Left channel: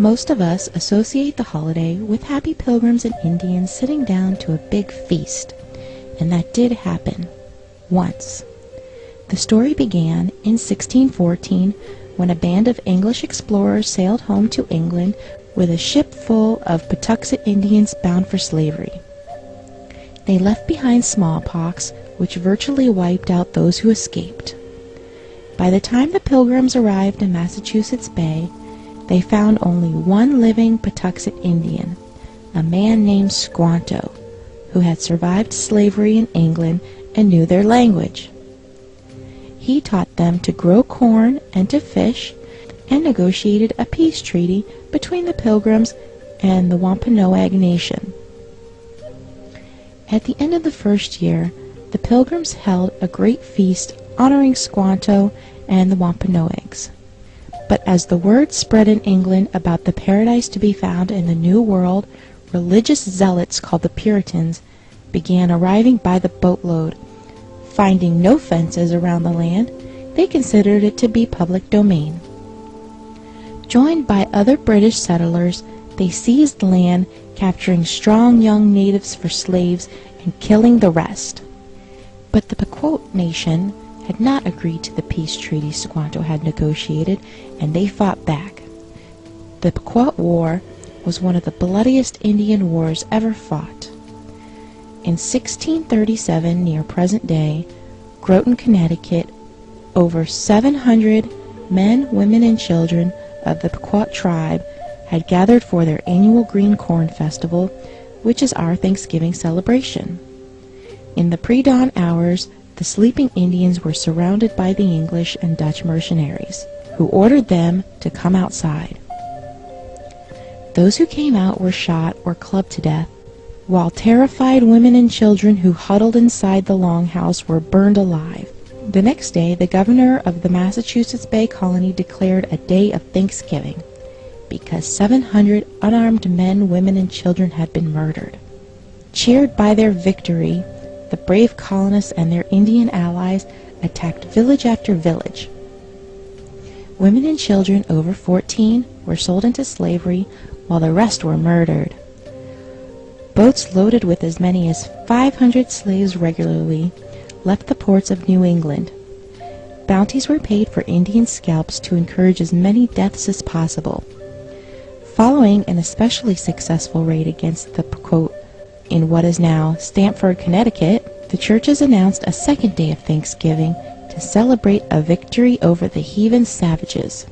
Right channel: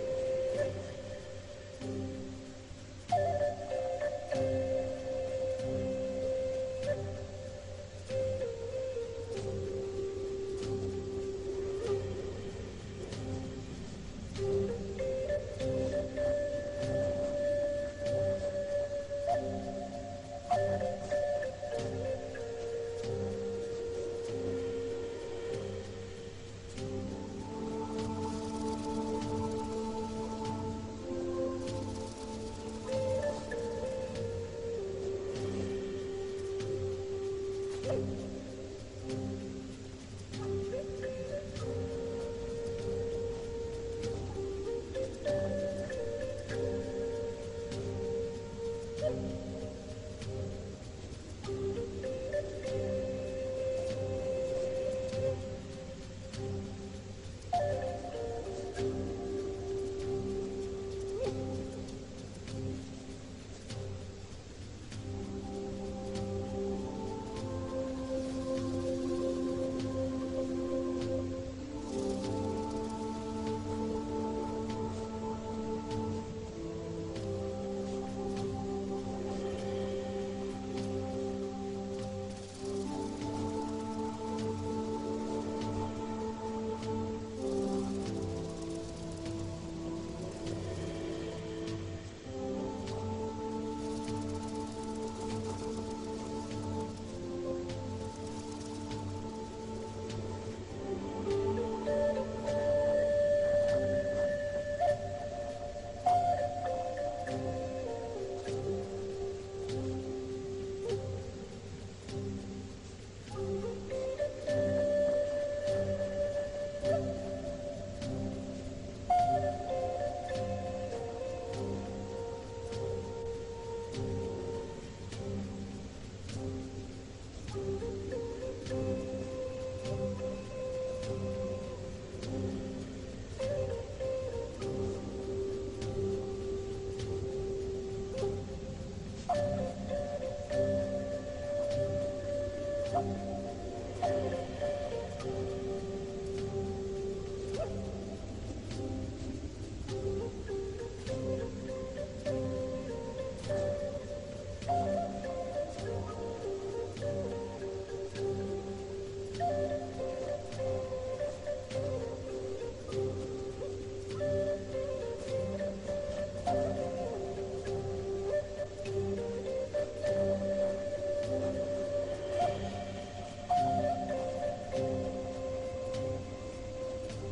Most of us associate the holiday with happy pilgrims and Indians sitting down to a big feast, and that did happen once. The story began in 1614 when a band of English explorers sailed home to England with a ship full of Patuxet Indians bound for slavery. They left behind smallpox, which virtually wiped out those who escaped. By the time the Pilgrims arrived in Massachusetts Bay, they found only one living Patuxet Indian, a man named Squanto, who had survived slavery in England and knew their language. He taught them to grow corn and to fish, and negotiated a peace treaty between the Pilgrims and the Wampanoag Nation. At the end of the first year, the Pilgrims held a great feast honoring Squanto and the Wampanoags. But as the word spread in England about the paradise to be found in the New World, religious zealots called the Puritans began arriving by the boatload. Finding no fences around the land, they considered it to be public domain. Joined by other British settlers, they seized land, capturing strong young natives for slaves and killing the rest. But the Pequot Nation had not agreed to the peace treaty Squanto had negotiated, and they fought back. The Pequot War was one of the bloodiest Indian wars ever fought. In 1637, near present day, Groton, Connecticut, over 700 men, women, and children of the Pequot tribe had gathered for their annual Green Corn Festival, which is our Thanksgiving celebration. In the pre-dawn hours, the sleeping Indians were surrounded by the English and Dutch mercenaries, who ordered them to come outside. Those who came out were shot or clubbed to death, while terrified women and children who huddled inside the longhouse were burned alive. The next day, the governor of the Massachusetts Bay Colony declared a day of Thanksgiving, because 700 unarmed men, women, and children had been murdered. Cheered by their victory, the brave colonists and their Indian allies attacked village after village. Women and children over 14 were sold into slavery, while the rest were murdered. Boats loaded with as many as 500 slaves regularly left the ports of New England. Bounties were paid for Indian scalps to encourage as many deaths as possible. Following an especially successful raid against the Pequot in what is now Stamford, Connecticut, the churches announced a second day of Thanksgiving to celebrate a victory over the heathen savages.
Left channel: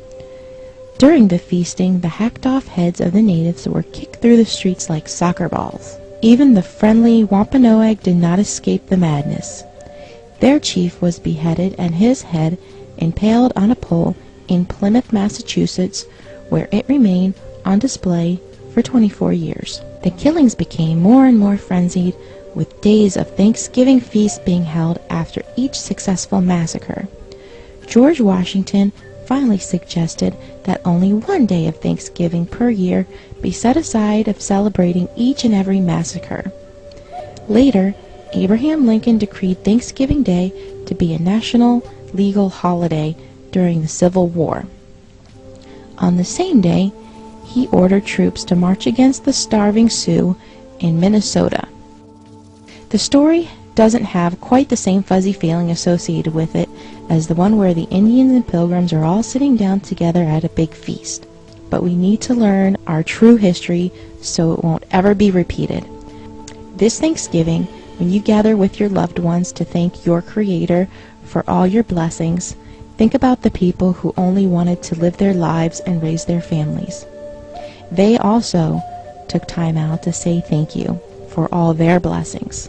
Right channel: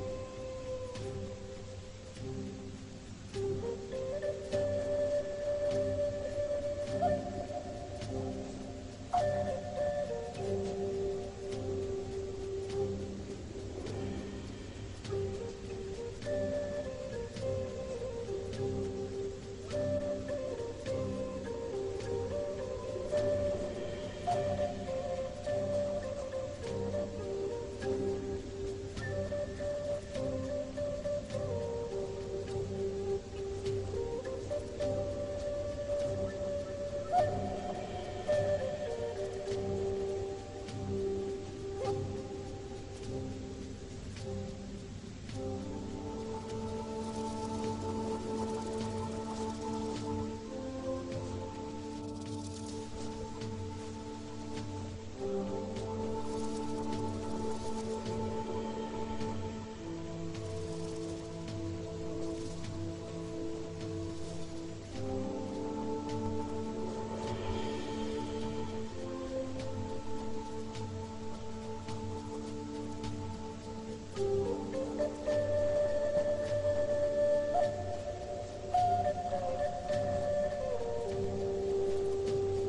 During the feasting, the hacked-off heads of the natives were kicked through the streets like soccer balls. Even the friendly Wampanoag did not escape the madness. Their chief was beheaded and his head impaled on a pole in Plymouth, Massachusetts, where it remained on display for 24 years. The killings became more and more frenzied, with days of Thanksgiving feasts being held after each successful massacre. George Washington finally suggested that only one day of Thanksgiving per year be set aside of celebrating each and every massacre. Later, Abraham Lincoln decreed Thanksgiving Day to be a national legal holiday during the Civil War. On the same day, he ordered troops to march against the starving Sioux in Minnesota. The story doesn't have quite the same fuzzy feeling associated with it as the one where the Indians and Pilgrims are all sitting down together at a big feast. But we need to learn our true history so it won't ever be repeated. This Thanksgiving, when you gather with your loved ones to thank your Creator for all your blessings, think about the people who only wanted to live their lives and raise their families. They also took time out to say thank you for all their blessings.